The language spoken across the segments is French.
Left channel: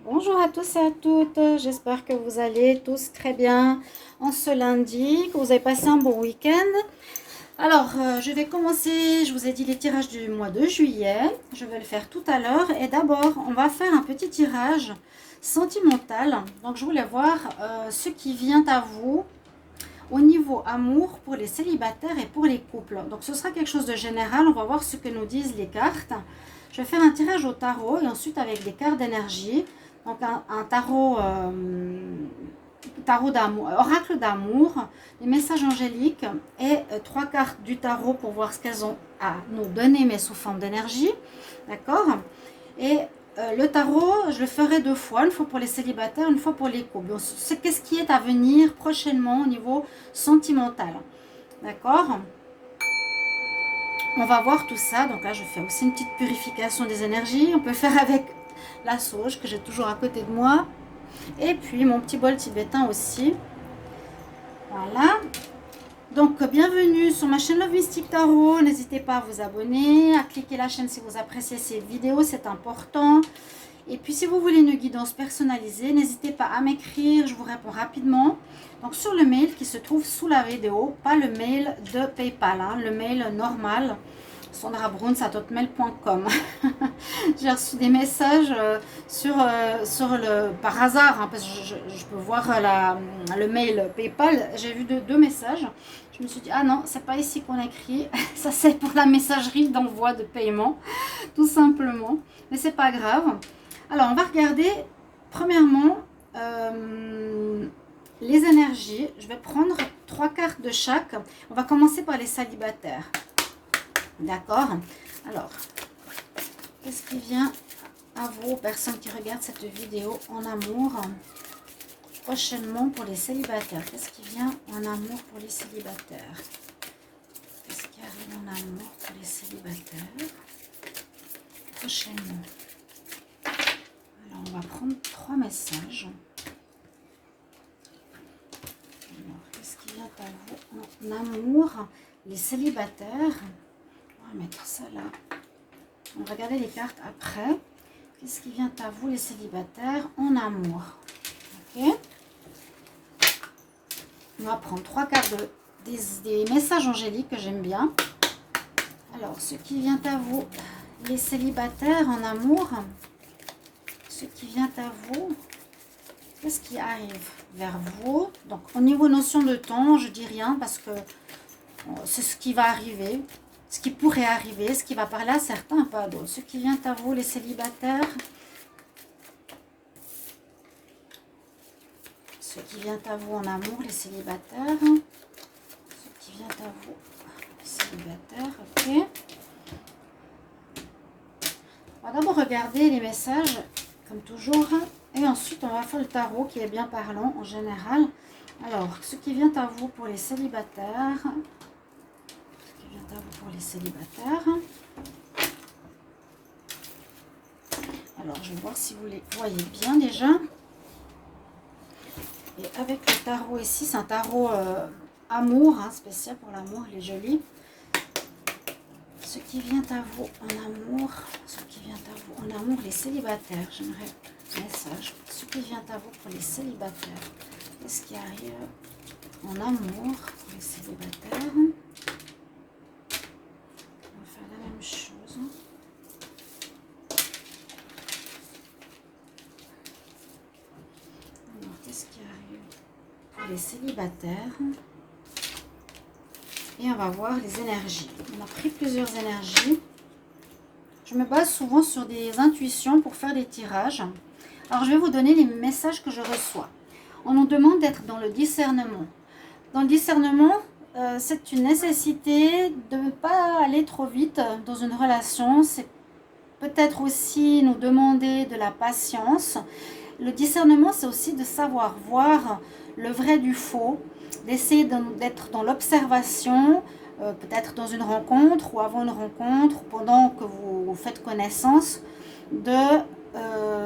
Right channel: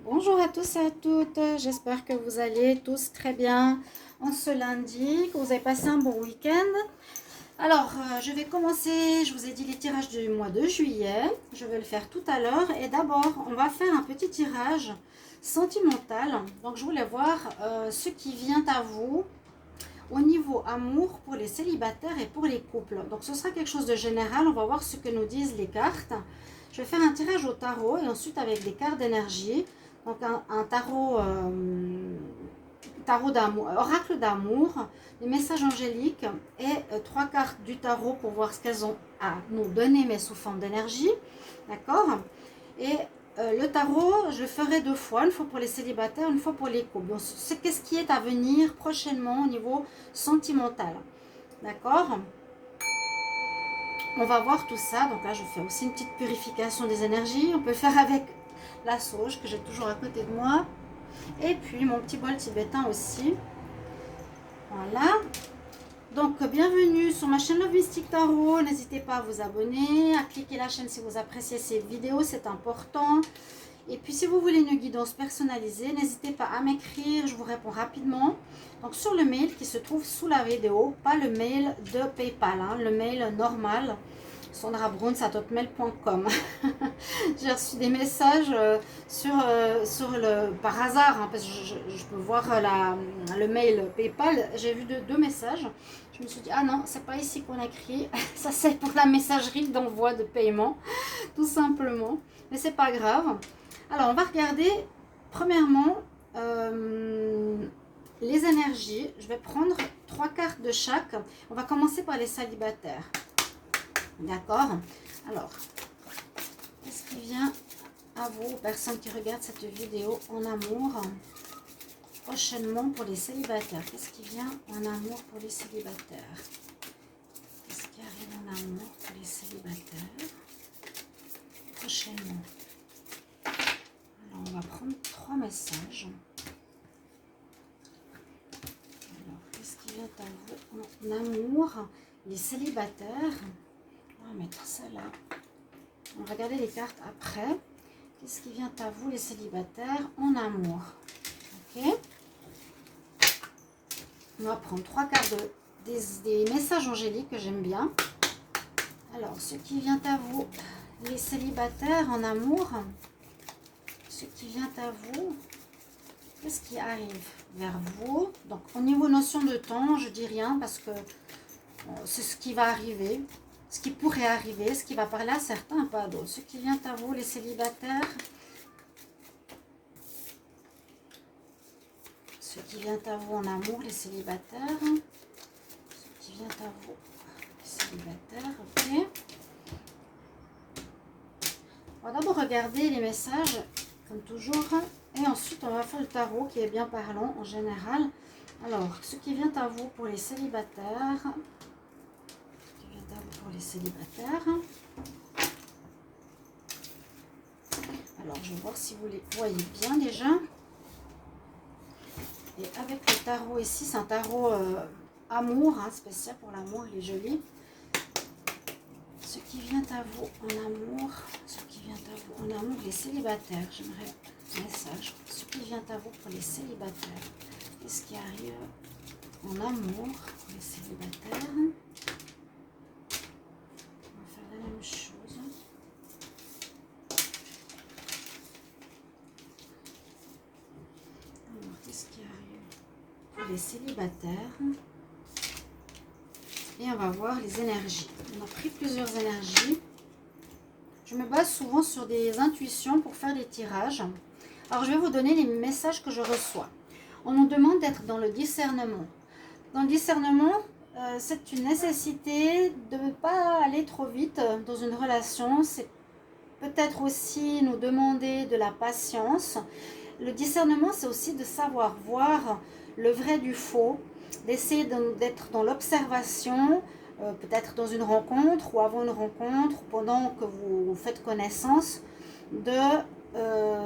Bonjour à tous et à toutes, j'espère que vous allez tous très bien en ce lundi, que vous avez passé un bon week-end. Alors, je vais commencer, je vous ai dit les tirages du mois de juillet, je vais le faire tout à l'heure. Et d'abord, on va faire un petit tirage sentimental. Donc, je voulais voir ce qui vient à vous au niveau amour pour les célibataires et pour les couples. Donc, ce sera quelque chose de général, on va voir ce que nous disent les cartes. Je vais faire un tirage au tarot et ensuite avec des cartes d'énergie. Donc un tarot, tarot d'amour, oracle d'amour, les messages angéliques et trois cartes du tarot pour voir ce qu'elles ont à nous donner, mais sous forme d'énergie. D'accord. Et le tarot, je le ferai deux fois, une fois pour les célibataires, une fois pour les couples. Donc, c'est qu'est-ce qui est à venir prochainement au niveau sentimental. D'accord. On va voir tout ça. Donc là, je fais aussi une petite purification des énergies. On peut faire avec la sauge que j'ai toujours à côté de moi. Et puis mon petit bol tibétain aussi. Voilà. Donc bienvenue sur ma chaîne Love Mystic Tarot. N'hésitez pas à vous abonner, à cliquer la chaîne si vous appréciez ces vidéos, c'est important. Et puis si vous voulez une guidance personnalisée, n'hésitez pas à m'écrire, je vous réponds rapidement. Donc sur le mail qui se trouve sous la vidéo, pas le mail de PayPal, hein, le mail normal, sandrabruns@hotmail.com. J'ai reçu des messages par hasard, hein, parce que je peux voir le mail PayPal. J'ai vu deux messages. Je me suis dit, ah non, c'est pas ici qu'on écrit. Ça, c'est pour la messagerie d'envoi de paiement, tout simplement. Mais c'est pas grave. Alors, on va regarder, premièrement, les énergies. Je vais prendre trois cartes de chaque. On va commencer par les célibataires. D'accord. Alors, qu'est-ce qui vient à vous, personnes qui regardent cette vidéo en amour, prochainement pour les célibataires? Qu'est-ce qui vient en amour pour les célibataires? Qu'est-ce qui arrive en amour pour les célibataires prochainement? Alors, on va prendre trois messages. Alors, qu'est-ce qui vient à vous en amour, les célibataires? On va mettre ça là. On va regarder les cartes après. Qu'est-ce qui vient à vous, les célibataires, en amour? Ok. On va prendre trois cartes des messages angéliques que j'aime bien. Alors, ce qui vient à vous, les célibataires en amour. Ce qui vient à vous. Qu'est-ce qui arrive vers vous? Donc, au niveau notion de temps, je dis rien parce que c'est ce qui va arriver. Ce qui pourrait arriver, ce qui va parler à certains, pas à d'autres. Ce qui vient à vous, les célibataires. Ce qui vient à vous en amour, les célibataires. Ce qui vient à vous, les célibataires. Ok. On va d'abord regarder les messages, comme toujours. Et ensuite, on va faire le tarot qui est bien parlant en général. Alors, ce qui vient à vous pour les célibataires. Pour les célibataires. Alors, je vais voir si vous les voyez bien déjà. Et avec le tarot ici, c'est un tarot amour, hein, spécial pour l'amour, il est joli. Ce qui vient à vous en amour, ce qui vient à vous en amour, les célibataires. J'aimerais un message. Ce qui vient à vous pour les célibataires. Qu'est-ce qui arrive en amour pour les célibataires? Chose. Alors, qu'est-ce qui arrive pour les célibataires? Et on va voir les énergies. On a pris plusieurs énergies. Je me base souvent sur des intuitions pour faire des tirages. Alors, je vais vous donner les messages que je reçois. On nous demande d'être dans le discernement. Dans le discernement, c'est une nécessité de ne pas aller trop vite dans une relation. C'est peut-être aussi nous demander de la patience. Le discernement, c'est aussi de savoir voir le vrai du faux, d'essayer d'être dans l'observation, peut-être dans une rencontre ou avant une rencontre, pendant que vous faites connaissance, de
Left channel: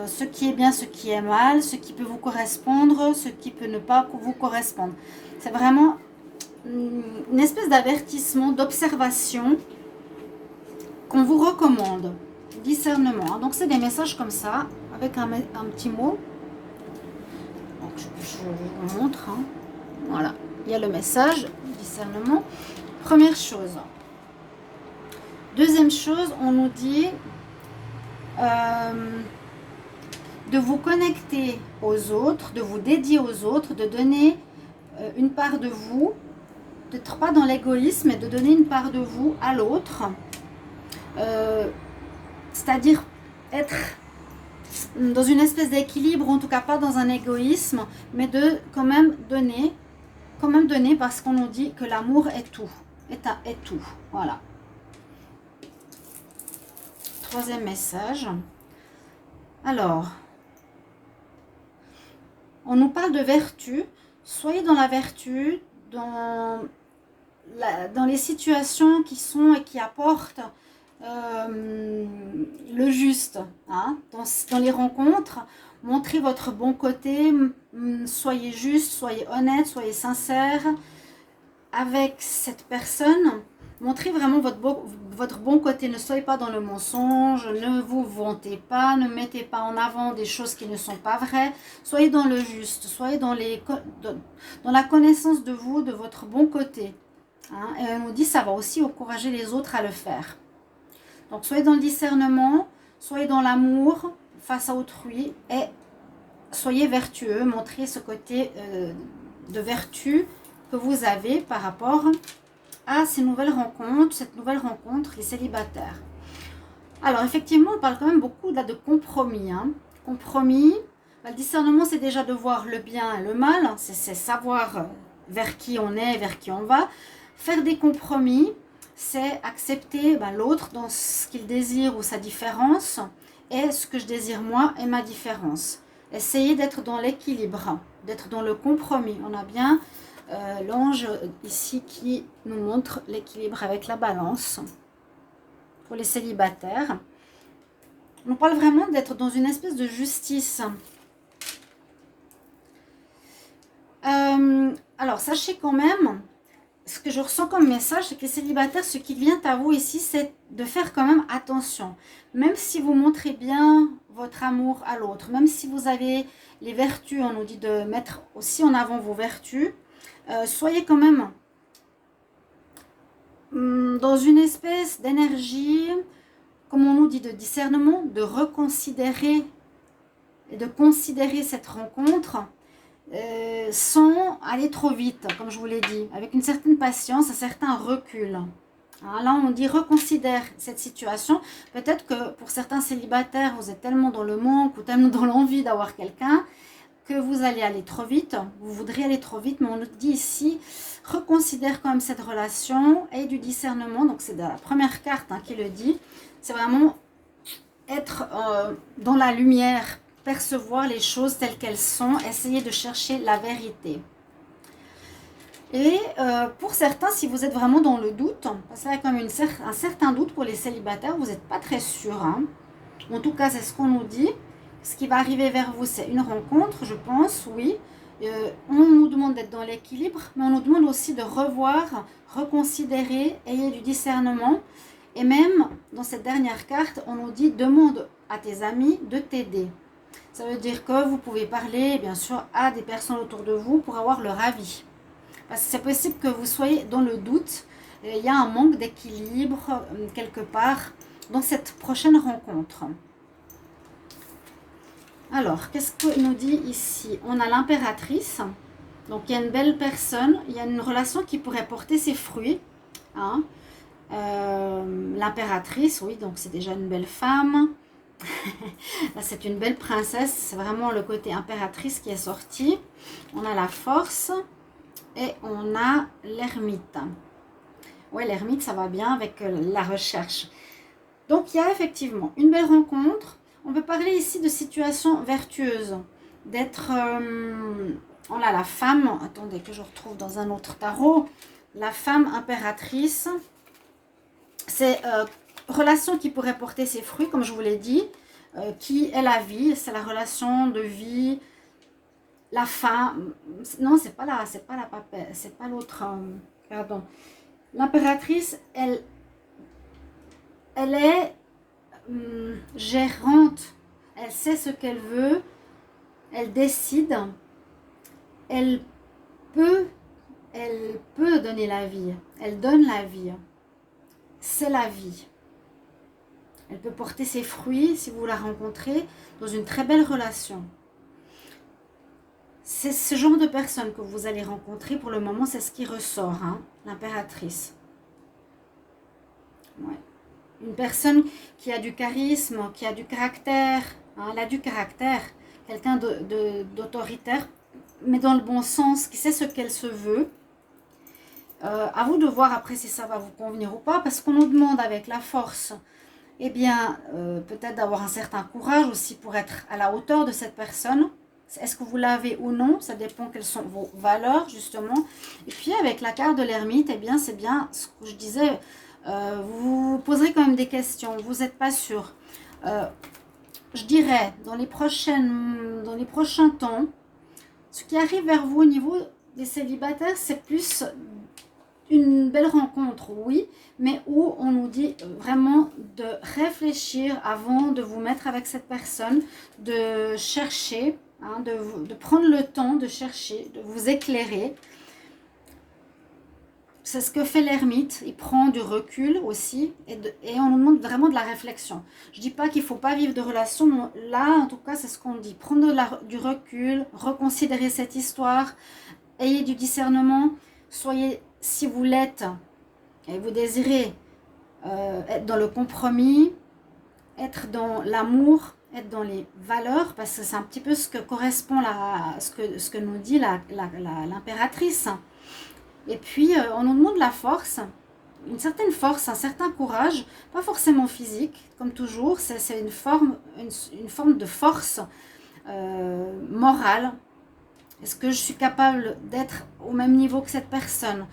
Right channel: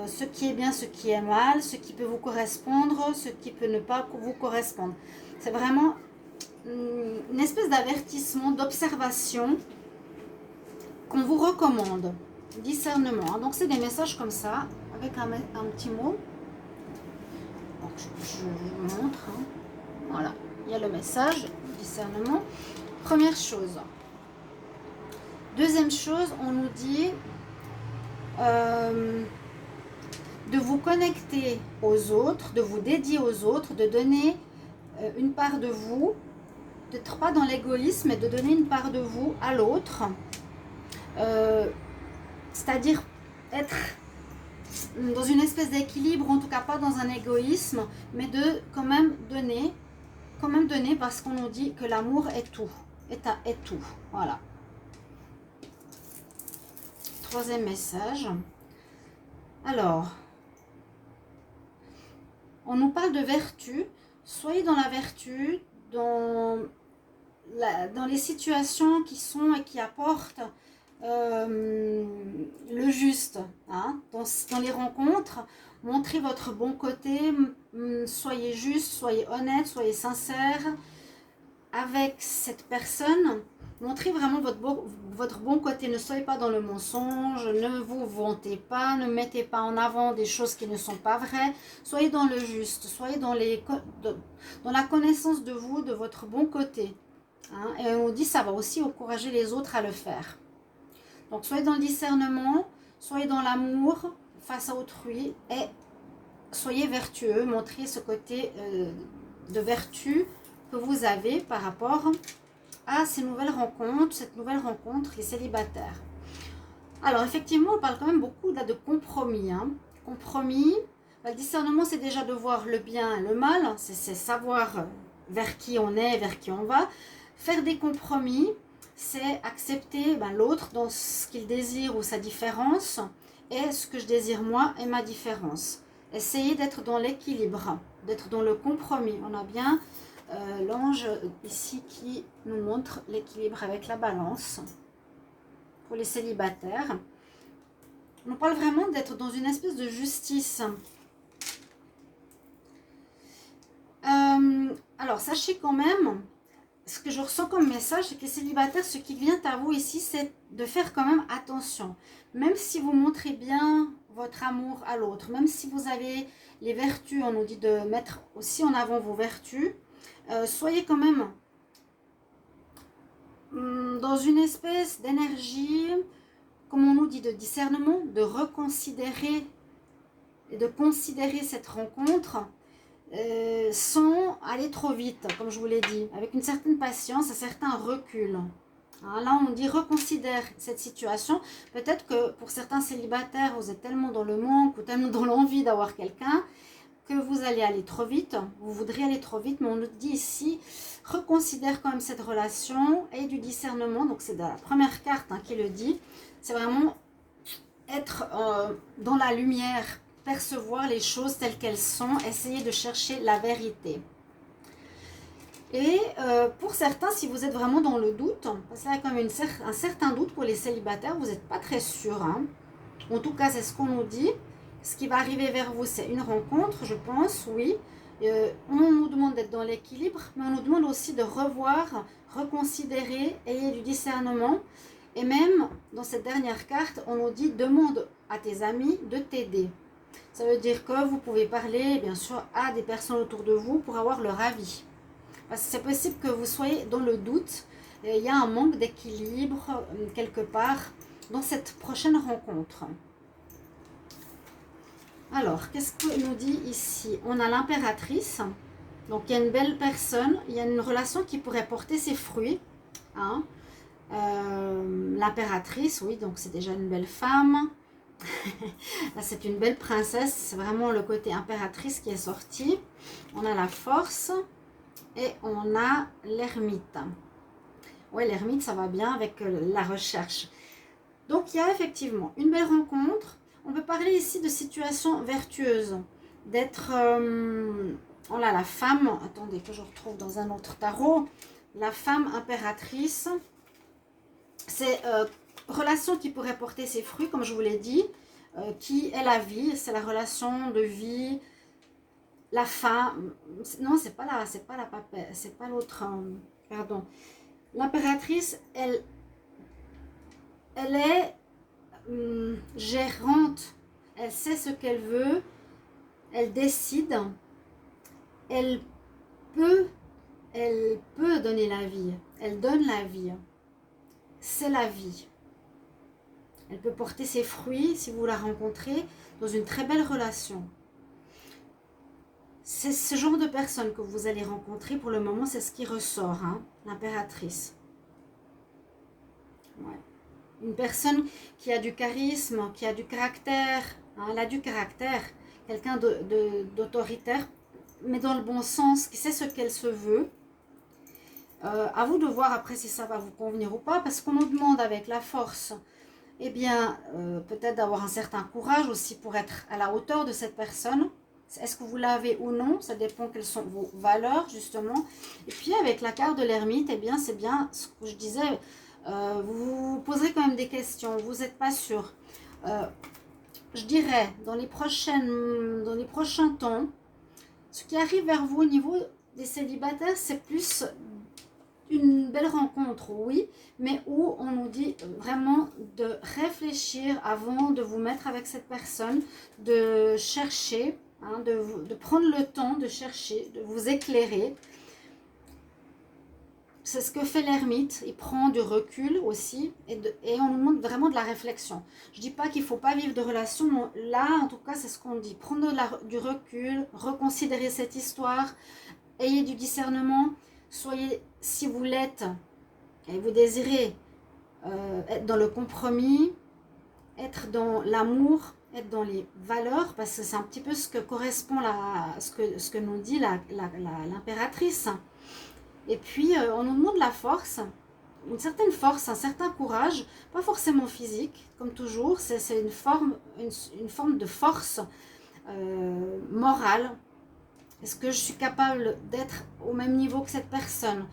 ce qui est bien, ce qui est mal, ce qui peut vous correspondre, ce qui peut ne pas vous correspondre. C'est vraiment une espèce d'avertissement, d'observation qu'on vous recommande. Discernement. Donc c'est des messages comme ça. avec un petit mot. Donc, je vous montre. Hein. Voilà, il y a le message, discernement. Première chose. Deuxième chose, on nous dit de vous connecter aux autres, de vous dédier aux autres, de donner une part de vous, d'être pas dans l'égoïsme, mais de donner une part de vous à l'autre. C'est-à-dire être dans une espèce d'équilibre, en tout cas pas dans un égoïsme, mais de quand même donner parce qu'on nous dit que l'amour est tout, est tout. Voilà. Troisième message. Alors, on nous parle de vertu. Soyez dans la vertu, dans les situations qui sont et qui apportent le juste. Hein, dans les rencontres, montrez votre bon côté, soyez juste, soyez honnête, soyez sincère avec cette personne. Montrez vraiment votre bon côté, ne soyez pas dans le mensonge, ne vous vantez pas, ne mettez pas en avant des choses qui ne sont pas vraies. Soyez dans le juste, soyez dans la connaissance de vous, de votre bon côté. Hein, et on nous dit ça va aussi encourager les autres à le faire. Donc soyez dans le discernement, soyez dans l'amour face à autrui et soyez vertueux, montrez ce côté de vertu que vous avez par rapport à ces nouvelles rencontres, cette nouvelle rencontre, les célibataires. Alors effectivement, on parle quand même beaucoup là de compromis. Hein. Compromis, le discernement c'est déjà de voir le bien et le mal, c'est savoir vers qui on est, vers qui on va. Faire des compromis, c'est accepter l'autre dans ce qu'il désire ou sa différence et ce que je désire moi et ma différence. Essayez d'être dans l'équilibre, d'être dans le compromis. On a bien l'ange ici qui nous montre l'équilibre avec la balance pour les célibataires. On parle vraiment d'être dans une espèce de justice. Alors sachez quand même, ce que je ressens comme message, c'est que les célibataires, ce qui vient à vous ici, c'est de faire quand même attention. Même si vous montrez bien votre amour à l'autre, même si vous avez les vertus, on nous dit de mettre aussi en avant vos vertus, soyez quand même dans une espèce d'énergie, comme on nous dit, de discernement, de reconsidérer et de considérer cette rencontre sans aller trop vite, comme je vous l'ai dit, avec une certaine patience, un certain recul. Hein, là, on dit reconsidère cette situation. Peut-être que pour certains célibataires, vous êtes tellement dans le manque ou tellement dans l'envie d'avoir quelqu'un que vous allez aller trop vite, vous voudriez aller trop vite, mais on nous dit ici, reconsidère quand même cette relation et du discernement. Donc c'est la première carte qui le dit, c'est vraiment être dans la lumière, percevoir les choses telles qu'elles sont, essayer de chercher la vérité. Et pour certains, si vous êtes vraiment dans le doute, parce qu'il y a quand même un certain doute pour les célibataires, vous n'êtes pas très sûr. Hein. En tout cas, c'est ce qu'on nous dit. Ce qui va arriver vers vous, c'est une rencontre, je pense, oui. On nous demande d'être dans l'équilibre, mais on nous demande aussi de revoir, reconsidérer, ayez du discernement. Et même, dans cette dernière carte, on nous dit, demande à tes amis de t'aider. Ça veut dire que vous pouvez parler, bien sûr, à des personnes autour de vous pour avoir leur avis. Parce que c'est possible que vous soyez dans le doute. Il y a un manque d'équilibre quelque part dans cette prochaine rencontre. Alors, qu'est-ce qu'il nous dit ici? On a l'impératrice. Donc, il y a une belle personne. Il y a une relation qui pourrait porter ses fruits. Hein. L'impératrice, oui, donc c'est déjà une belle femme. Là, c'est une belle princesse. C'est vraiment le côté impératrice qui est sorti. On a la force. Et on a l'ermite. Oui, l'ermite, ça va bien avec la recherche. Donc, il y a effectivement une belle rencontre. On peut parler ici de situation vertueuse. D'être... on a la femme. Attendez que je retrouve dans un autre tarot. La femme impératrice. C'est relation qui pourrait porter ses fruits, comme je vous l'ai dit. Qui est la vie. C'est la relation de vie. La fin, non, c'est pas la papesse, c'est pas l'autre, pardon. L'impératrice, elle est gérante elle sait ce qu'elle veut, elle décide, elle peut, elle peut donner la vie, elle donne la vie, c'est la vie. Elle peut porter ses fruits si vous la rencontrez dans une très belle relation. C'est ce genre de personne que vous allez rencontrer pour le moment, c'est ce qui ressort, hein, l'impératrice. Ouais. Une personne qui a du charisme, qui a du caractère, hein, elle a du caractère, quelqu'un d'autoritaire, mais dans le bon sens, qui sait ce qu'elle se veut. À vous de voir après si ça va vous convenir ou pas, parce qu'on nous demande avec la force, eh bien, peut-être d'avoir un certain courage aussi pour être à la hauteur de cette personne. Est-ce que vous l'avez ou non? Ça dépend quelles sont vos valeurs, justement. Et puis, avec la carte de l'ermite, eh bien, c'est bien ce que je disais. Vous vous poserez quand même des questions. Vous n'êtes pas sûr. Je dirais, dans les prochains temps, ce qui arrive vers vous au niveau des célibataires, c'est plus une belle rencontre, oui, mais où on nous dit vraiment de réfléchir avant de vous mettre avec cette personne, de chercher, hein, de prendre le temps de chercher, de vous éclairer. C'est ce que fait l'ermite, il prend du recul aussi, et on nous demande vraiment de la réflexion. Je ne dis pas qu'il ne faut pas vivre de relations, mais là, en tout cas, c'est ce qu'on dit. Prendre du recul, reconsidérer cette histoire, ayez du discernement, soyez, si vous l'êtes, et vous désirez être dans le compromis, être dans l'amour, être dans les valeurs, parce que c'est un petit peu ce que correspond ce que nous dit l'impératrice. Et puis, on nous demande la force, une certaine force, un certain courage, pas forcément physique, comme toujours, c'est une forme de force morale. Est-ce que je suis capable d'être au même niveau que cette personne?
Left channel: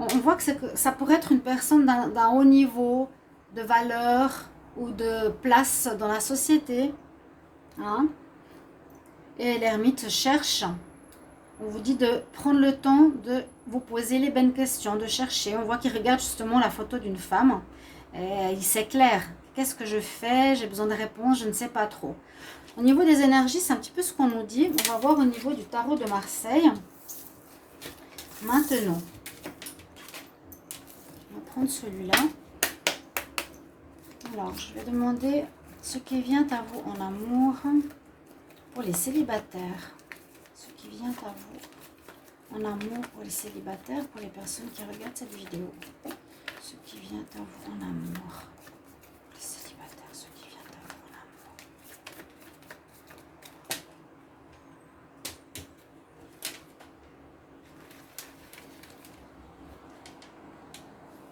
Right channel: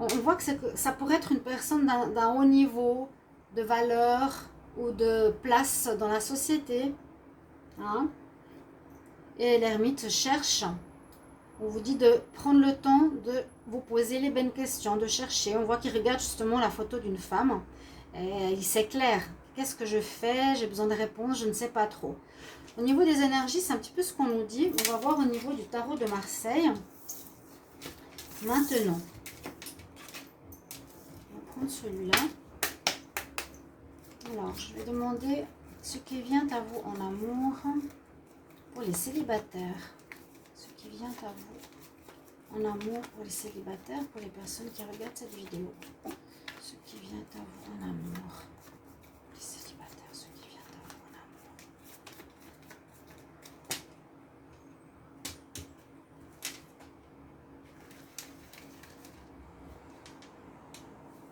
On voit que ça pourrait être une personne d'un haut niveau, de valeur ou de place dans la société. Hein? Et l'ermite cherche. On vous dit de prendre le temps de vous poser les bonnes questions, de chercher. On voit qu'il regarde justement la photo d'une femme. Et il s'éclaire. Qu'est-ce que je fais? J'ai besoin de réponses, je ne sais pas trop. Au niveau des énergies, c'est un petit peu ce qu'on nous dit. On va voir au niveau du tarot de Marseille. Maintenant, on va prendre celui-là. Alors, je vais demander ce qui vient à vous en amour pour les célibataires. Ce qui vient à vous en amour pour les célibataires, pour les personnes qui regardent cette vidéo. Ce qui vient à vous en amour. Les célibataires, ce qui vient à vous en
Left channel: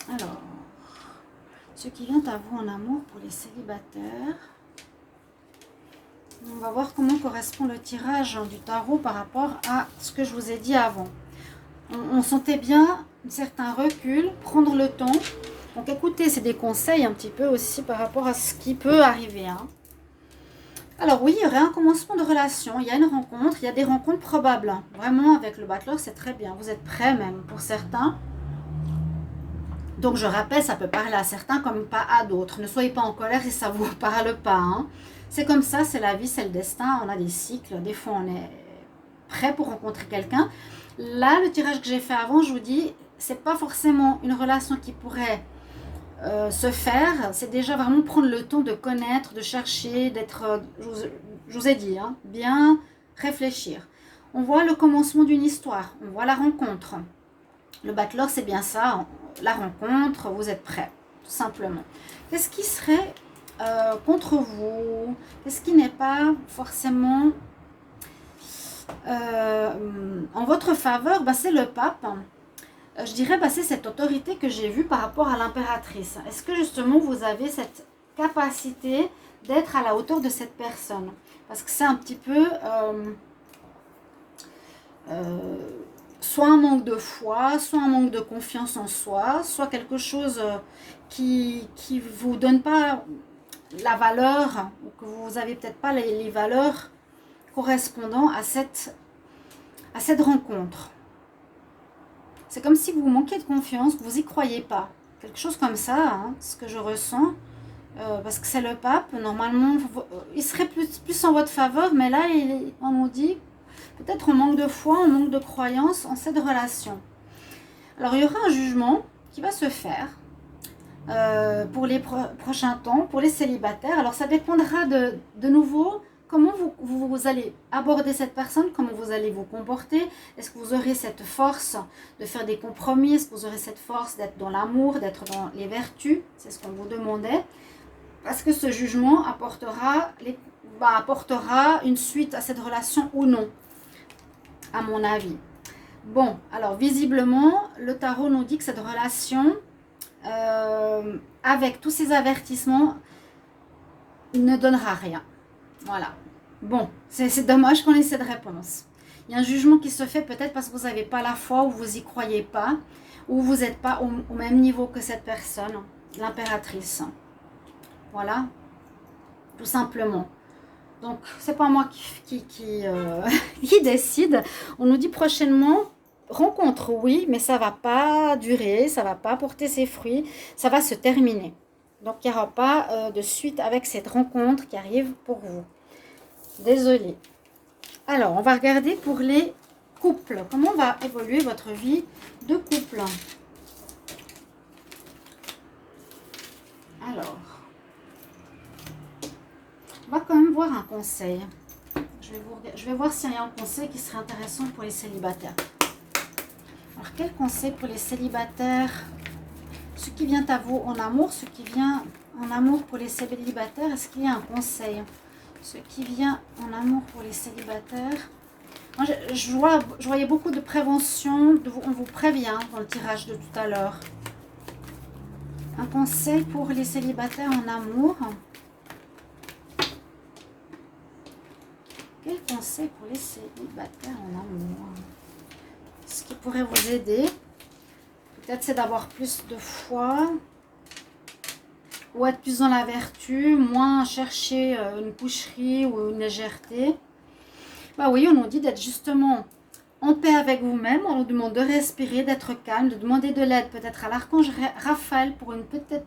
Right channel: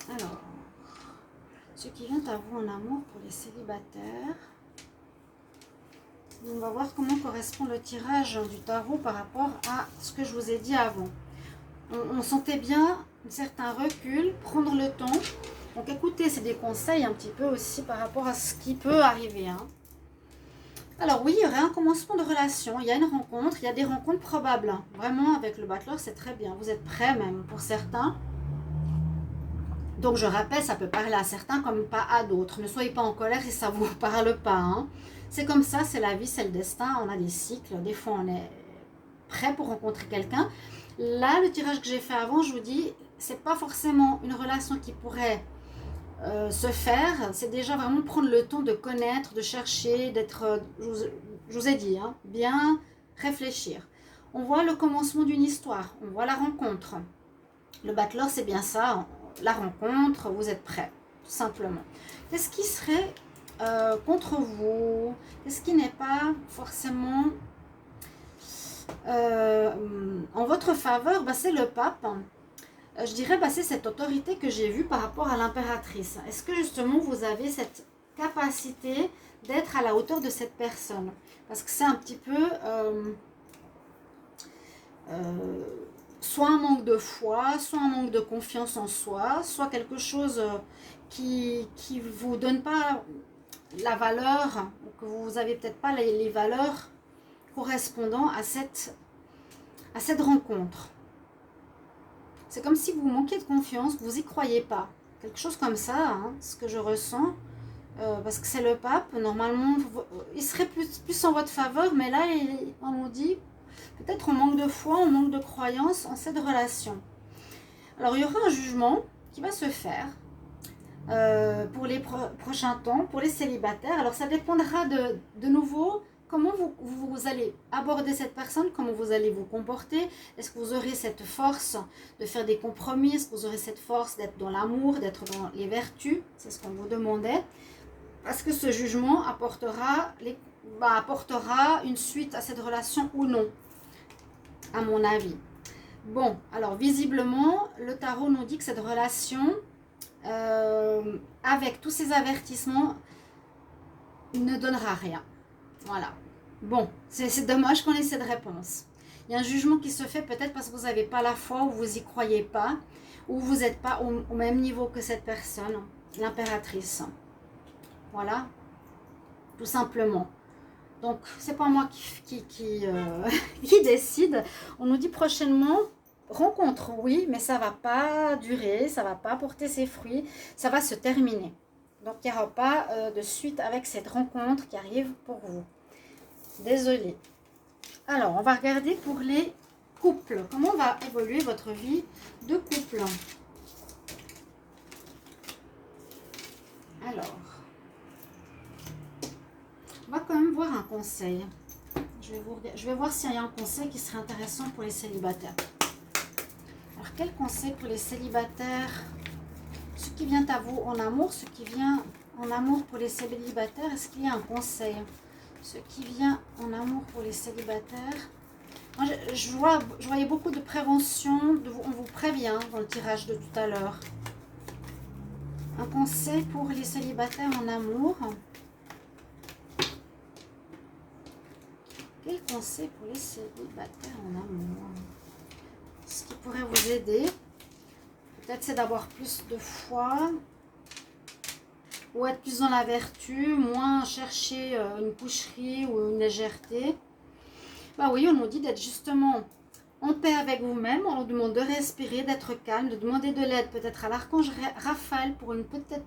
amour. Alors, ce qui vient à vous en amour pour les célibataires. On va voir comment correspond le tirage du tarot par rapport à ce que je vous ai dit avant. On sentait bien un certain recul, prendre le temps. Donc écoutez, c'est des conseils un petit peu aussi par rapport à ce qui peut arriver. Hein. Alors oui, il y aurait un commencement de relation, il y a une rencontre, il y a des rencontres probables. Hein. Vraiment, avec le battleur, c'est très bien. Vous êtes prêts même pour certains. Donc je rappelle, ça peut parler à certains comme pas à d'autres. Ne soyez pas en colère si ça ne vous parle pas. Hein. C'est comme ça, c'est la vie, c'est le destin. On a des cycles. Des fois, on est prêt pour rencontrer quelqu'un. Là, le tirage que j'ai fait avant, je vous dis, c'est pas forcément une relation qui pourrait se faire. C'est déjà vraiment prendre le temps de connaître, de chercher, d'être, je vous ai dit, hein, bien réfléchir. On voit le commencement d'une histoire. On voit la rencontre. Le battleur, c'est bien ça. La rencontre, vous êtes prêts, tout simplement. Qu'est-ce qui serait contre vous? Qu'est-ce qui n'est pas forcément en votre faveur? C'est le pape. Je dirais, c'est cette autorité que j'ai vue par rapport à l'impératrice. Est-ce que justement vous avez cette capacité d'être à la hauteur de cette personne? Parce que c'est un petit peu soit un manque de foi, soit un manque de confiance en soi, soit quelque chose qui vous donne pas la valeur, ou que vous n'avez peut-être pas les valeurs correspondant à cette rencontre. C'est comme si vous manquiez de confiance, vous n'y croyez pas. Quelque chose comme ça, hein, ce que je ressens. parce que c'est le pape. Normalement, il serait plus en votre faveur, mais là, on nous dit peut-être on manque de foi, on manque de croyance en cette relation. Alors, il y aura un jugement qui va se faire pour les prochains temps, pour les célibataires. Alors, ça dépendra de nouveau comment vous allez aborder cette personne, comment vous allez vous comporter. Est-ce que vous aurez cette force de faire des compromis? Est-ce que vous aurez cette force d'être dans l'amour, d'être dans les vertus? C'est ce qu'on vous demandait. Parce que ce jugement apportera une suite à cette relation ou non, à mon avis. Bon, alors visiblement, le tarot nous dit que cette relation, avec tous ces avertissements, ne donnera rien. Voilà. Bon, c'est dommage qu'on ait cette réponse. Il y a un jugement qui se fait peut-être parce que vous n'avez pas la foi ou vous n'y croyez pas, ou vous n'êtes pas au même niveau que cette personne, l'impératrice. Voilà, tout simplement. Donc, c'est pas moi qui décide. On nous dit prochainement, rencontre, oui, mais ça va pas durer, ça va pas porter ses fruits, ça va se terminer. Donc, il n'y aura pas de suite avec cette rencontre qui arrive pour vous. Désolée. Alors, on va regarder pour les couples. Comment va évoluer votre vie de couple? Alors, on va quand même voir un conseil. Je vais voir s'il y a un conseil qui serait intéressant pour les célibataires. Alors, quel conseil pour les célibataires? Ce qui vient à vous en amour, ce qui vient en amour pour les célibataires, est-ce qu'il y a un conseil? Ce qui vient en amour pour les célibataires. Moi, je voyais beaucoup de prévention, on vous prévient dans le tirage de tout à l'heure. Un conseil pour les célibataires en amour. Quel conseil pour les célibataires en amour? Ce qui pourrait vous aider, peut-être c'est d'avoir plus de foi, ou être plus dans la vertu, moins chercher une coucherie ou une légèreté. Bah oui, on nous dit d'être justement en paix avec vous-même, on nous demande de respirer, d'être calme, de demander de l'aide peut-être à l'archange Raphaël pour une peut-être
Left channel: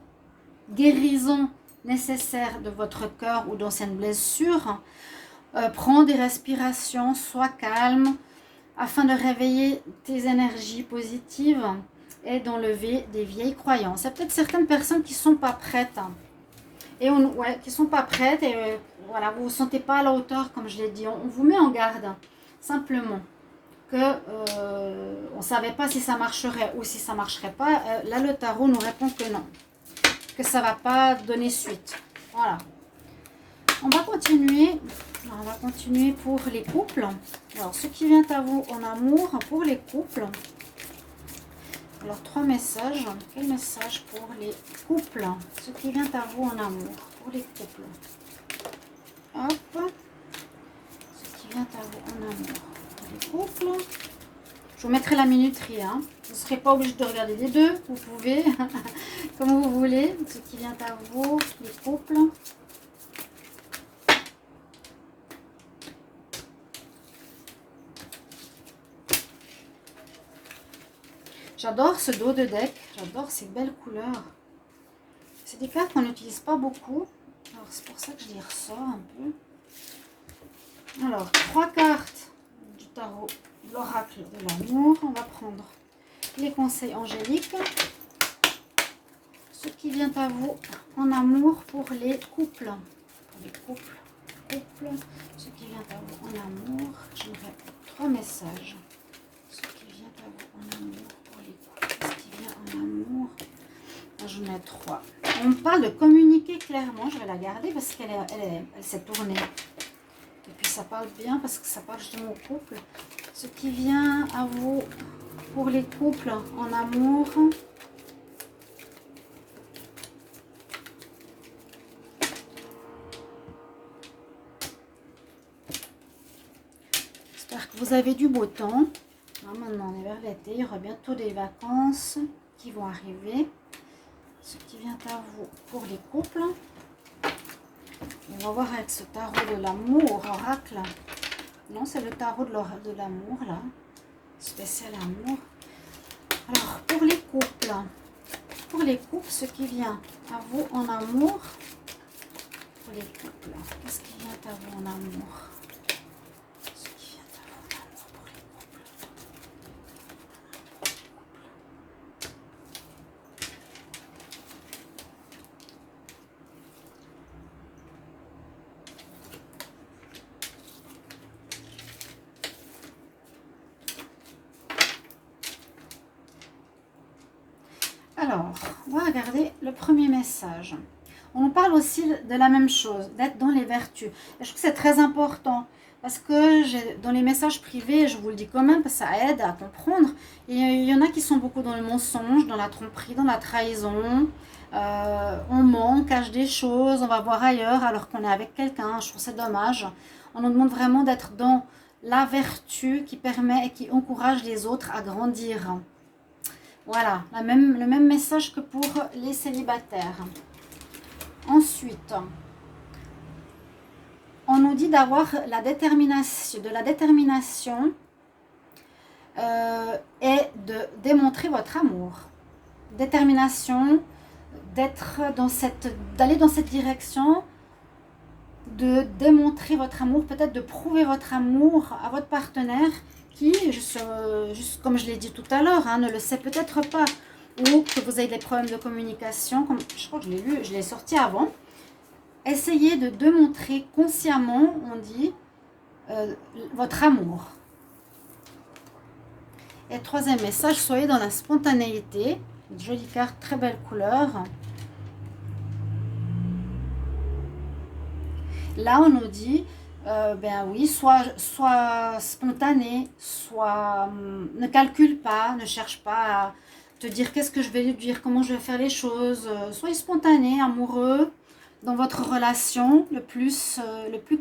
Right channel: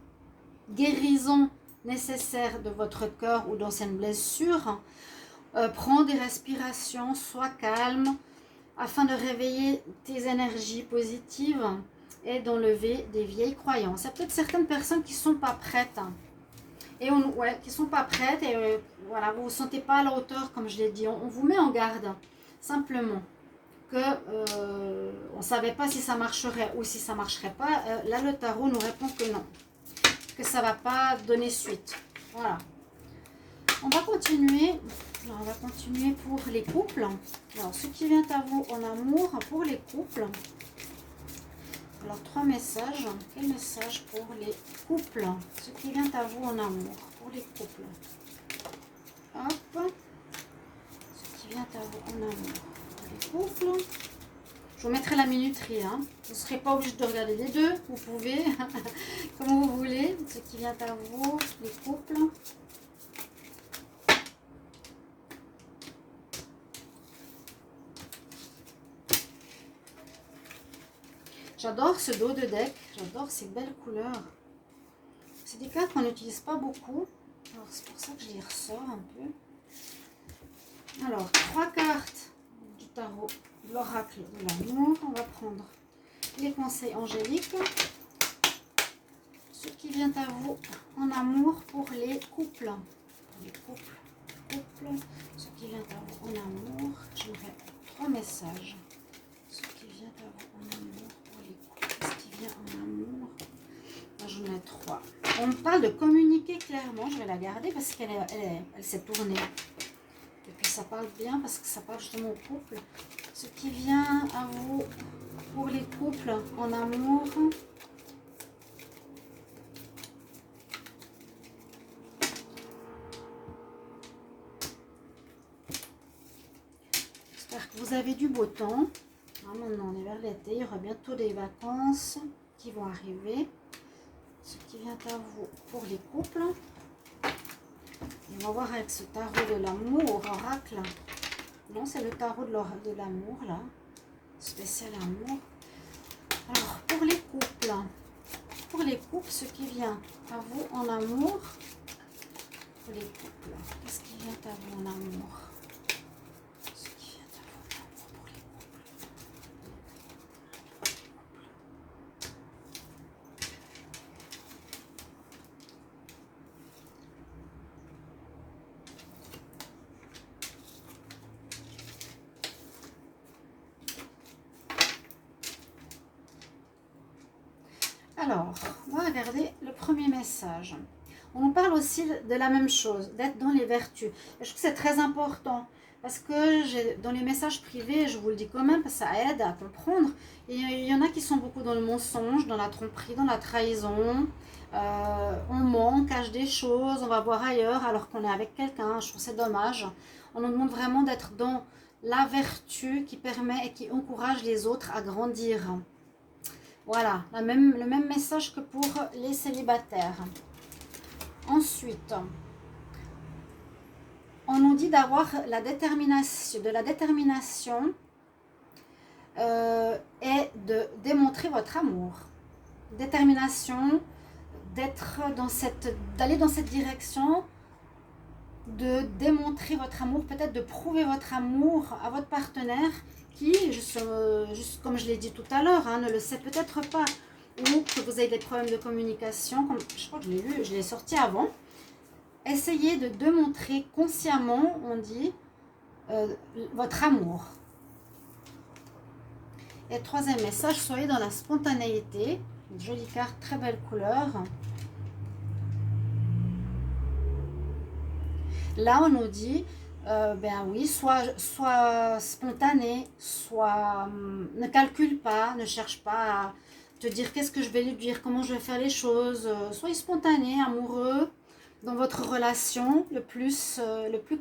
guérison nécessaire de votre cœur ou d'anciennes blessures. Prends des respirations, sois calme, afin de réveiller tes énergies positives et d'enlever des vieilles croyances. Il y a peut-être certaines personnes qui ne sont pas prêtes. Qui ne sont pas prêtes et voilà, vous ne vous sentez pas à la hauteur, comme je l'ai dit. On vous met en garde, simplement. Que on ne savait pas si ça marcherait ou si ça ne marcherait pas. Là, le tarot nous répond que non. Que ça ne va pas donner suite. Voilà. On va continuer. Alors, on va continuer pour les couples. Alors, ce qui vient à vous en amour pour les couples. Alors, 3 messages. Quel message pour les couples? Ce qui vient à vous en amour pour les couples. Hop. Ce qui vient à vous en amour pour les couples. Je vous mettrai la minuterie. Hein. Vous ne serez pas obligé de regarder les deux. Vous pouvez, comme vous voulez. Ce qui vient à vous, les couples. J'adore ce dos de deck, j'adore ces belles couleurs. C'est des cartes qu'on n'utilise pas beaucoup, alors c'est pour ça que je les ressors un peu. Alors, 3 cartes du tarot, l'oracle de l'amour. On va prendre les conseils angéliques. Ce qui vient à vous en amour pour les couples. Pour les couples, ce qui vient à vous en amour. J'aimerais 3 messages. Ce qui vient à vous en amour. Qu'est-ce qui vient en amour? Je mets 3. On me parle de communiquer clairement. Je vais la garder parce qu'elle s'est tournée. Et puis ça parle bien parce que ça parle justement au couple. Ce qui vient à vous pour les couples en amour. J'espère que vous avez du beau temps. Maintenant, on est vers l'été, il y aura bientôt des vacances qui vont arriver. Ce qui vient à vous pour les couples. Et on va voir avec ce tarot de l'amour, oracle. Non, c'est le tarot de l'amour, là. Spécial amour. Alors, pour les couples, ce qui vient à vous en amour, pour les couples. Qu'est-ce qui vient à vous en amour? Ce qui vient à vous en amour pour les couples. Alors, on va regarder le premier message. On nous parle aussi de la même chose, d'être dans les vertus. Et je trouve que c'est très important parce que dans les messages privés, je vous le dis quand même, parce que ça aide à comprendre. Il y en a qui sont beaucoup dans le mensonge, dans la tromperie, dans la trahison. On ment, on cache des choses, on va voir ailleurs alors qu'on est avec quelqu'un. Je trouve c'est dommage. On nous demande vraiment d'être dans la vertu qui permet et qui encourage les autres à grandir. Voilà, le même message que pour les célibataires. Ensuite, on nous dit d'avoir de la détermination et de démontrer votre amour. Détermination, d'aller dans cette direction, de démontrer votre amour, peut-être de prouver votre amour à votre partenaire qui, juste comme je l'ai dit tout à l'heure, ne le sait peut-être pas, ou que vous avez des problèmes de communication, comme je crois que je l'ai lu, je l'ai sorti avant. Essayez de démontrer consciemment, on dit, votre amour. Et troisième message, soyez dans la spontanéité. Une jolie carte, très belle couleur. Là, on nous dit, ben oui, soit spontané, soit ne calcule pas, ne cherche pas à te dire qu'est-ce que je vais lui dire, comment je vais faire les choses. Soyez spontané, amoureux dans votre relation le plus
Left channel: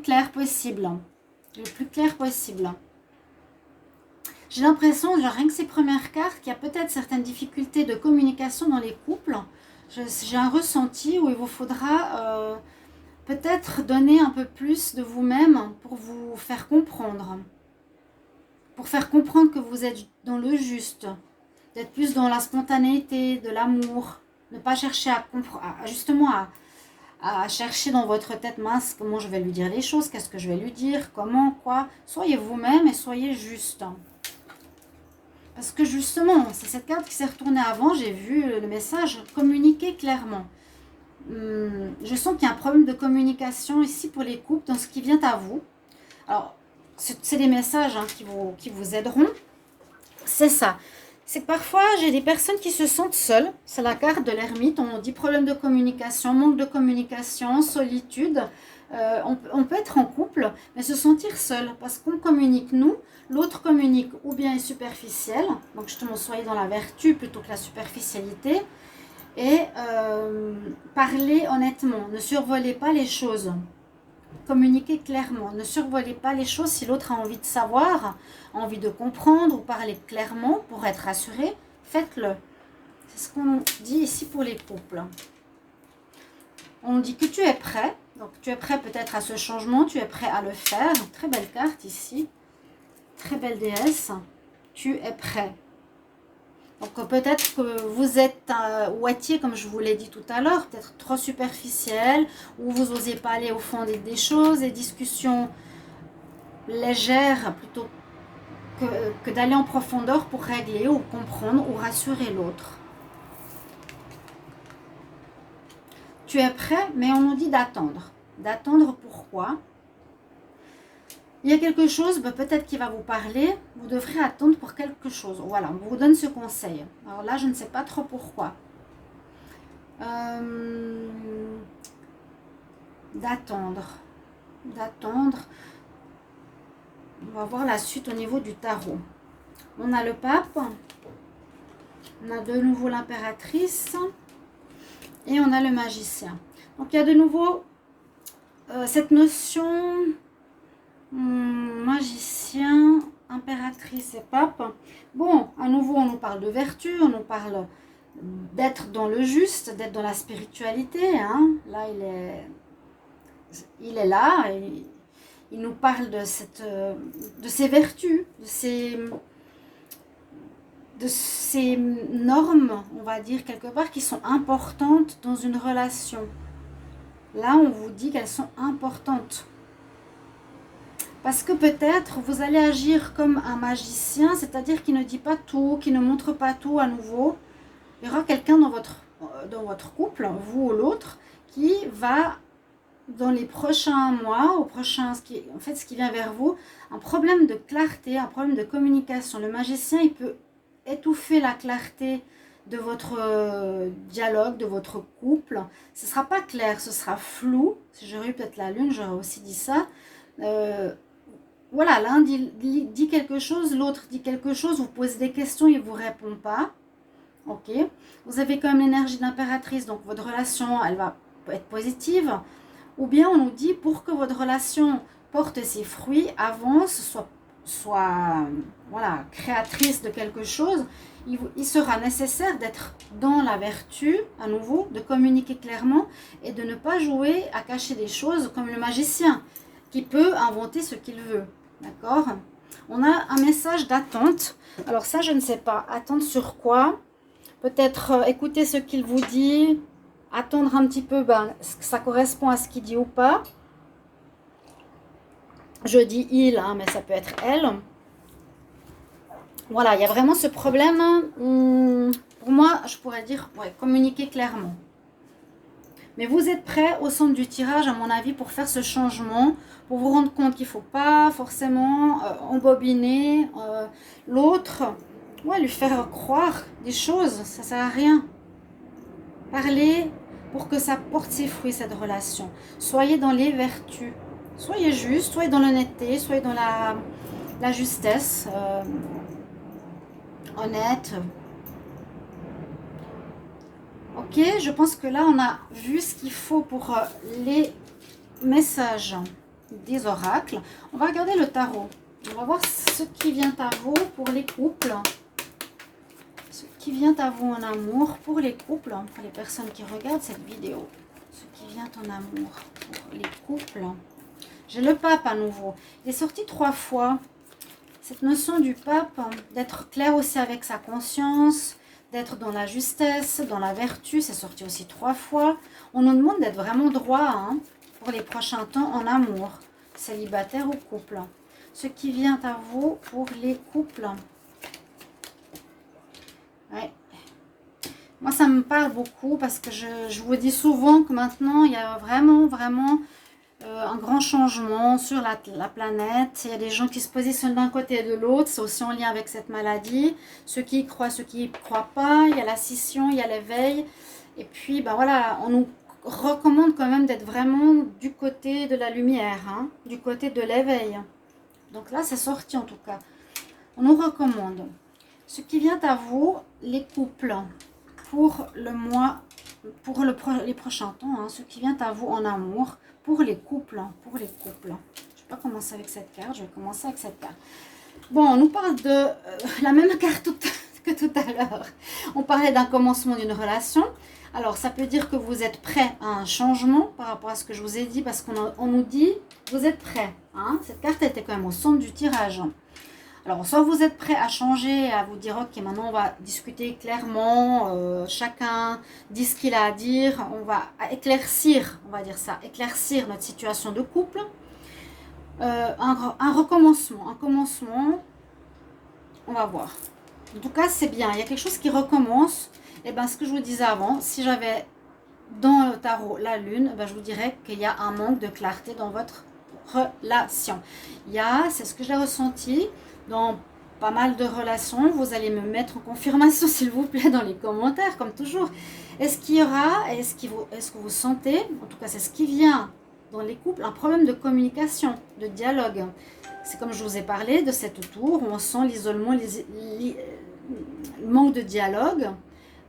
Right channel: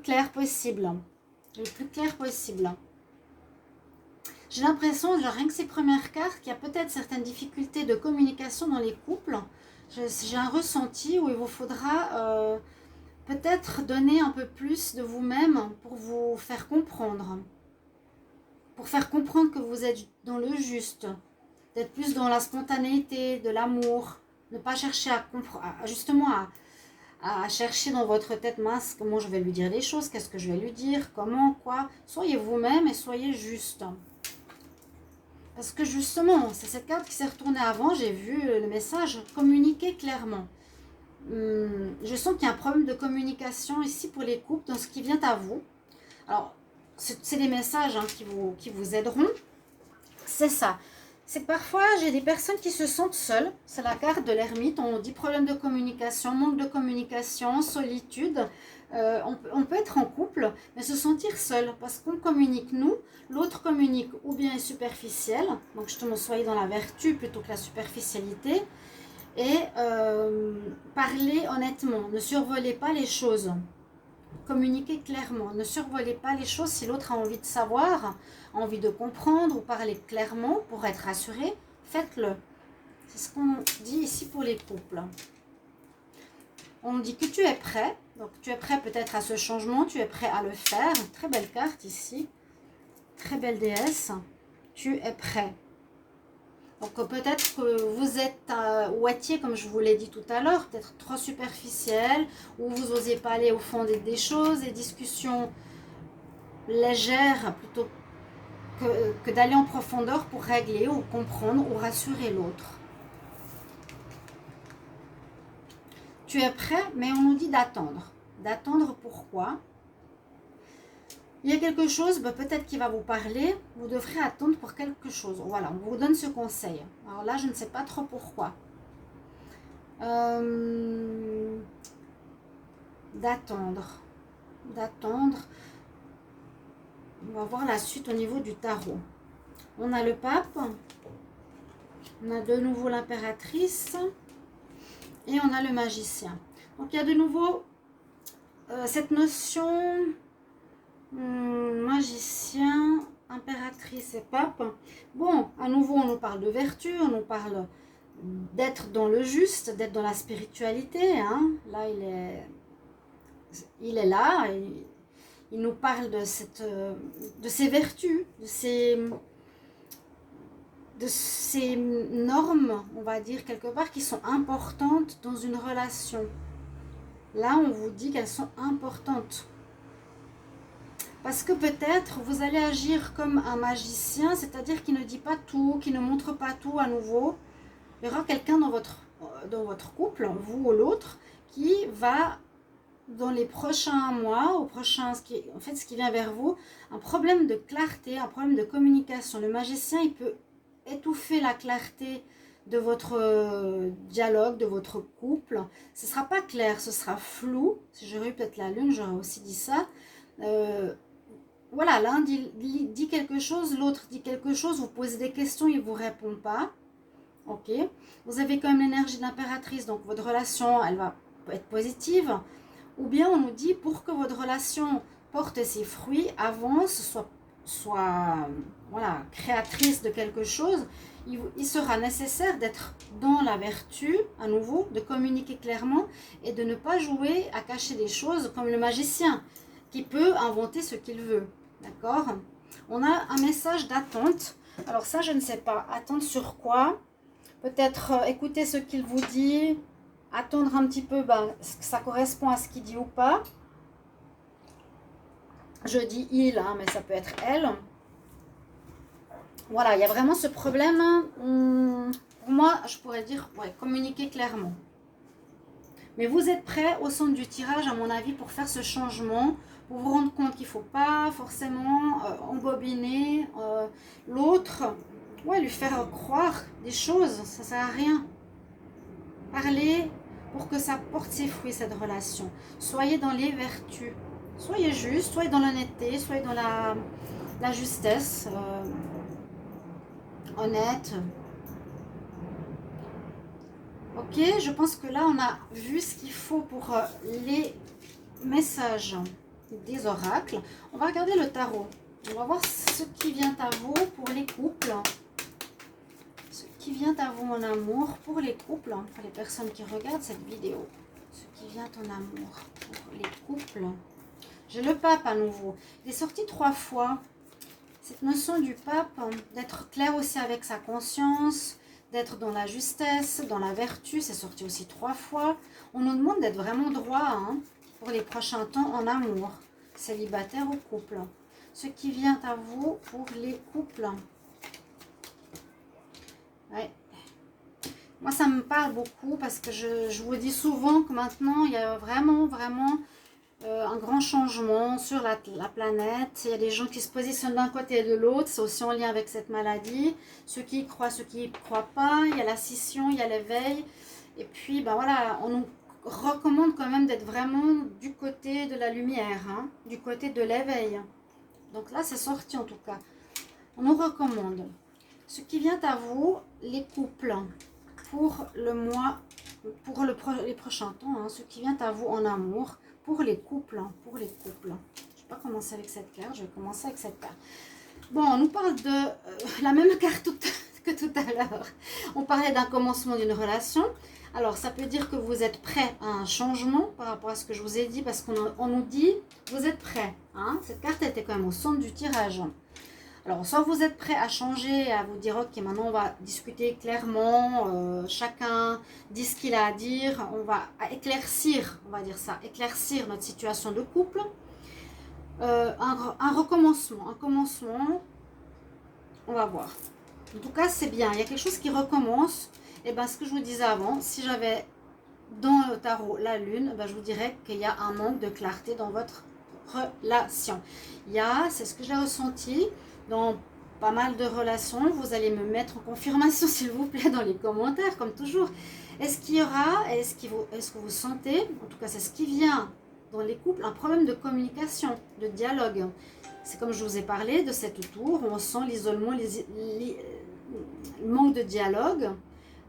clair possible. Le plus clair possible. J'ai l'impression, rien que ces premières cartes, qu'il y a peut-être certaines difficultés de communication dans les couples. J'ai un ressenti où il vous faudra peut-être donner un peu plus de vous-même pour vous faire comprendre. Pour faire comprendre que vous êtes dans le juste. D'être plus dans la spontanéité, de l'amour. Ne pas chercher à chercher dans votre tête mince comment je vais lui dire les choses, qu'est-ce que je vais lui dire, comment, quoi. Soyez vous-même et soyez juste. Parce que justement, c'est cette carte qui s'est retournée avant, j'ai vu le message, communiquer clairement. Je sens qu'il y a un problème de communication ici pour les couples dans ce qui vient à vous. Alors, c'est des messages qui vous aideront. C'est ça. C'est que parfois, j'ai des personnes qui se sentent seules. C'est la carte de l'ermite. On dit problème de communication, manque de communication, solitude. On peut être en couple, mais se sentir seul. Parce qu'on communique nous, l'autre communique ou bien est superficiel. Donc, justement, soyez dans la vertu plutôt que la superficialité. Et parlez honnêtement. Ne survolez pas les choses. Communiquez clairement. Ne survolez pas les choses si l'autre a envie de savoir, envie de comprendre ou parler clairement pour être rassuré. Faites-le. C'est ce qu'on dit ici pour les couples. On dit que tu es prêt. Donc tu es prêt peut-être à ce changement. Tu es prêt à le faire. Très belle carte ici. Très belle déesse. Tu es prêt. Donc peut-être que vous êtes ou étiez, comme je vous l'ai dit tout à l'heure, peut-être trop superficiel, ou vous n'osiez pas aller au fond des choses, des discussions légères plutôt que d'aller en profondeur pour régler ou comprendre ou rassurer l'autre. Tu es prêt, mais on nous dit d'attendre. D'attendre pourquoi ? Il y a quelque chose, peut-être qui va vous parler, vous devrez attendre pour quelque chose. Voilà, on vous donne ce conseil. Alors là, je ne sais pas trop pourquoi. D'attendre. On va voir la suite au niveau du tarot. On a le pape, on a de nouveau l'impératrice et on a le magicien. Donc il y a de nouveau cette notion... magicien, impératrice et pape. Bon, à nouveau, on nous parle de vertu, on nous parle d'être dans le juste, d'être dans la spiritualité. Là, il est là. Il nous parle de ses vertus, de ces normes, on va dire quelque part, qui sont importantes dans une relation. Là, on vous dit qu'elles sont importantes. Parce que peut-être vous allez agir comme un magicien, c'est-à-dire qui ne dit pas tout, qui ne montre pas tout à nouveau. Il y aura quelqu'un dans votre couple, vous ou l'autre, qui va, dans les prochains mois, ce qui vient vers vous, un problème de clarté, un problème de communication. Le magicien, il peut étouffer la clarté de votre dialogue, de votre couple. Ce ne sera pas clair, ce sera flou. Si j'aurais eu peut-être la lune, j'aurais aussi dit ça. Voilà, l'un dit quelque chose, l'autre dit quelque chose, vous posez des questions, il ne vous répond pas. Ok, vous avez quand même l'énergie d'impératrice, donc votre relation, elle va être positive. Ou bien on nous dit, pour que votre relation porte ses fruits, avance, soit voilà, créatrice de quelque chose, il sera nécessaire d'être dans la vertu, à nouveau, de communiquer clairement et de ne pas jouer à cacher des choses comme le magicien, qui peut inventer ce qu'il veut. D'accord? On a un message d'attente. Alors ça, je ne sais pas. Attendre sur quoi? Peut-être écouter ce qu'il vous dit, attendre un petit peu, est-ce que ça correspond à ce qu'il dit ou pas. Je dis il, hein, mais ça peut être elle. Voilà, il y a vraiment ce problème. Pour moi, je pourrais dire, ouais, communiquer clairement. Mais vous êtes prêts au centre du tirage, à mon avis, pour faire ce changement, pour vous rendre compte qu'il ne faut pas forcément embobiner l'autre, ouais, lui faire croire des choses, ça ne sert à rien. Parlez pour que ça porte ses fruits, cette relation. Soyez dans les vertus. Soyez juste, soyez dans l'honnêteté, soyez dans la justesse, honnête. Ok, je pense que là, on a vu ce qu'il faut pour les messages des oracles. On va regarder le tarot. On va voir ce qui vient à vous pour les couples. Ce qui vient à vous en amour pour les couples, pour les personnes qui regardent cette vidéo. Ce qui vient en amour pour les couples. J'ai le pape à nouveau. Il est sorti 3 fois. Cette notion du pape, d'être clair aussi avec sa conscience, d'être dans la justesse, dans la vertu, c'est sorti aussi 3 fois. On nous demande d'être vraiment droit pour les prochains temps en amour, célibataire ou couple. Ce qui vient à vous pour les couples. Ouais. Moi, ça me parle beaucoup parce que je vous dis souvent que maintenant, il y a vraiment un grand changement sur la planète. Il y a des gens qui se positionnent d'un côté et de l'autre. C'est aussi en lien avec cette maladie. Ceux qui y croient, ceux qui n'y croient pas. Il y a la scission, il y a l'éveil. Et puis, voilà, on nous recommande quand même d'être vraiment du côté de la lumière, du côté de l'éveil. Donc là, c'est sorti en tout cas. On nous recommande. Ce qui vient à vous, les couples, pour le mois, pour les prochains temps, ce qui vient à vous en amour, pour les couples, Je ne vais pas commencer avec cette carte, je vais commencer avec cette carte. Bon, on nous parle de la même carte que tout à l'heure. On parlait d'un commencement d'une relation. Alors, ça peut dire que vous êtes prêt à un changement par rapport à ce que je vous ai dit, parce qu'on nous dit, vous êtes prêt. Cette carte était quand même au centre du tirage. Alors, soit vous êtes prêt à changer, à vous dire, ok, maintenant on va discuter clairement, chacun dit ce qu'il a à dire, on va éclaircir, on va dire ça, éclaircir notre situation de couple. Un commencement, on va voir. En tout cas, c'est bien, il y a quelque chose qui recommence. Et bien, ce que je vous disais avant, si j'avais dans le tarot la lune, je vous dirais qu'il y a un manque de clarté dans votre relation. C'est ce que j'ai ressenti dans pas mal de relations. Vous allez me mettre en confirmation, s'il vous plaît, dans les commentaires, comme toujours. Est-ce que vous sentez, en tout cas c'est ce qui vient dans les couples, un problème de communication, de dialogue? C'est comme je vous ai parlé de cette tour où on sent l'isolement, le manque de dialogue,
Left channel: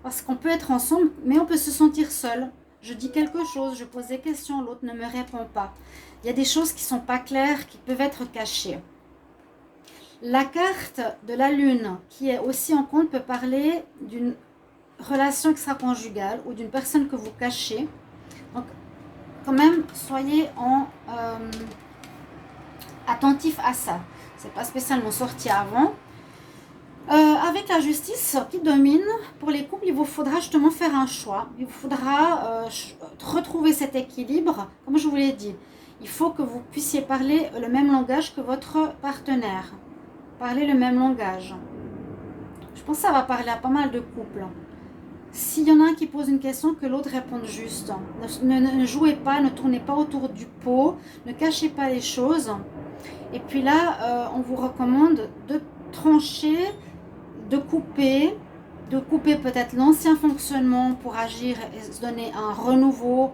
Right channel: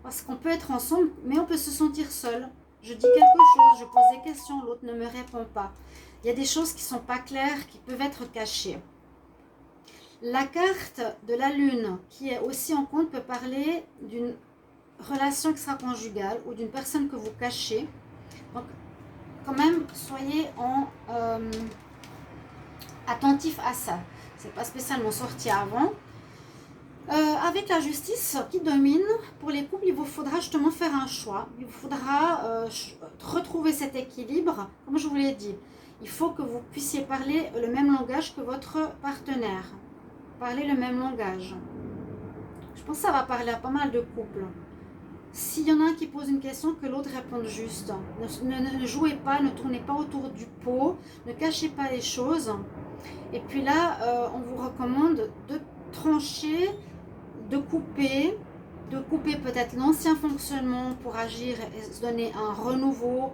parce qu'on peut être ensemble, mais on peut se sentir seul. Je dis quelque chose, je pose des questions, l'autre ne me répond pas. Il y a des choses qui ne sont pas claires, qui peuvent être cachées. La carte de la lune, qui est aussi en compte, peut parler d'une relation extra-conjugale ou d'une personne que vous cachez. Donc, quand même, soyez attentif à ça. C'est pas spécialement sorti avant. Avec la justice qui domine, pour les couples, il vous faudra justement faire un choix. Il vous faudra retrouver cet équilibre. Comme je vous l'ai dit, il faut que vous puissiez parler le même langage que votre partenaire. Parler le même langage. Je pense que ça va parler à pas mal de couples. S'il y en a un qui pose une question, que l'autre réponde juste. Ne jouez pas, ne tournez pas autour du pot, ne cachez pas les choses. Et puis là, on vous recommande de trancher, de couper peut-être l'ancien fonctionnement pour agir et se donner un renouveau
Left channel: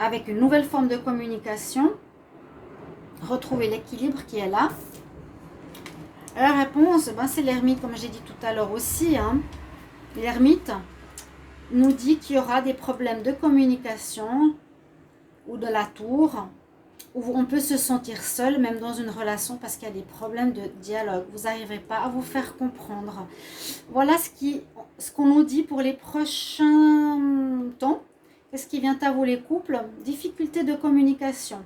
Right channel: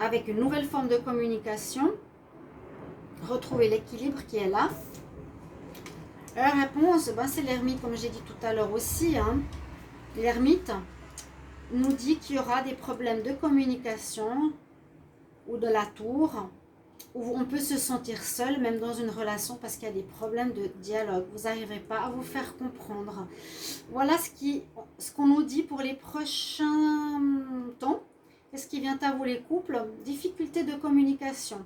avec une nouvelle forme de communication. Retrouver l'équilibre qui est là. La réponse, ben, c'est l'ermite, comme j'ai dit tout à l'heure aussi. L'ermite nous dit qu'il y aura des problèmes de communication ou de la tour, où on peut se sentir seul, même dans une relation, parce qu'il y a des problèmes de dialogue. Vous n'arriverez pas à vous faire comprendre. Voilà ce qu'on nous dit pour les prochains temps. Qu'est-ce qui vient à vous les couples? Difficulté de communication.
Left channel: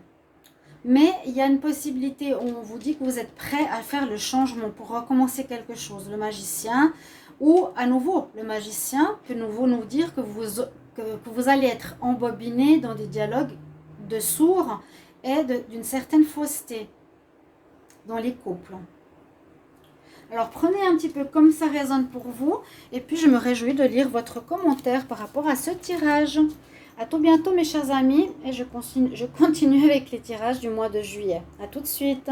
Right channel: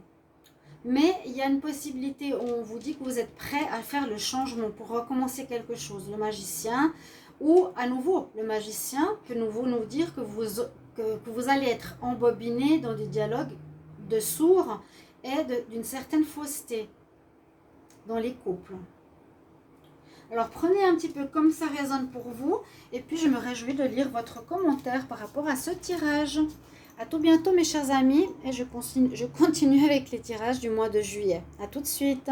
Mais il y a une possibilité où on vous dit que vous êtes prêt à faire le changement pour recommencer quelque chose. Le magicien, ou à nouveau le magicien, que nous dire que vous allez être embobiné dans des dialogues de sourds et d'une certaine fausseté dans les couples. Alors prenez un petit peu comme ça résonne pour vous, et puis je me réjouis de lire votre commentaire par rapport à ce tirage. À tout bientôt mes chers amis, et je continue avec les tirages du mois de juillet. À tout de suite.